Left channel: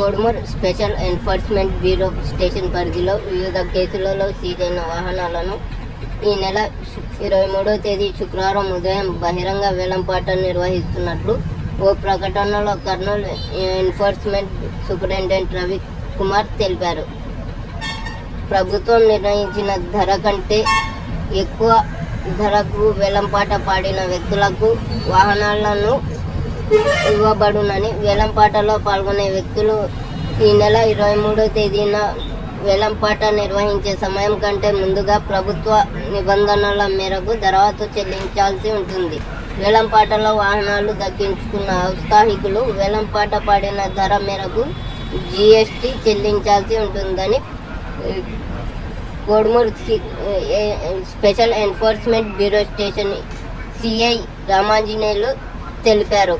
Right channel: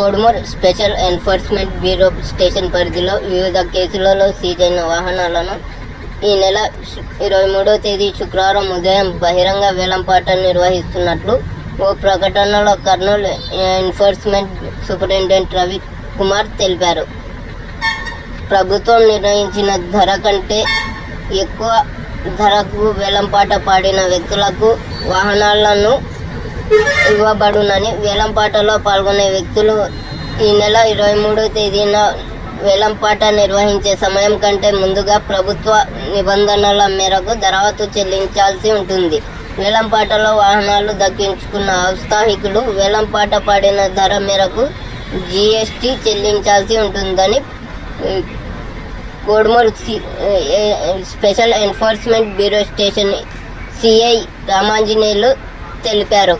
Kodumur special enforcement bureau station పరిధిలో వివిధ కేసులలో సీజైన వాహనాలను ఈ నెల 23వ తేదీ శుక్రవారం ఉదయం బహిరంగ వేలంపాట నిర్వహిస్తున్నట్లు ఓ ప్రకటనలో కర్నూలు ఎన్ఫోర్స్మెంట్ సూపరింటెండెంట్ రవి కుమార్ తెలిపారు. ప్రభుత్వం నిర్ణయించిన ధర కంటే ఎక్కువ ధరకు వేలంపాట పాడిన వ్యక్తులకు వాహనాలను ఇవ్వబడునని వేలంపాటలో పాల్గొనే వ్యక్తులు ఈ నెల 23వ తేదీన వేలంపాట నిర్వహించే సమయం కంటే ముందుగా ప్రభుత్వ నిబంధనల మేరకు దరఖాస్తు చెల్లించాల్సి ఉంటుంది. వేలంపాటలో వాహనాలు దక్కించుకున్న ఔత్సాహికులు వేలంపాట పాడిన ధర మేరకు GST చెల్లించాల్సి ఉంటుందని Kodumuru special enforcement bureau station CI Ramanjaneyulu తెలిపారు.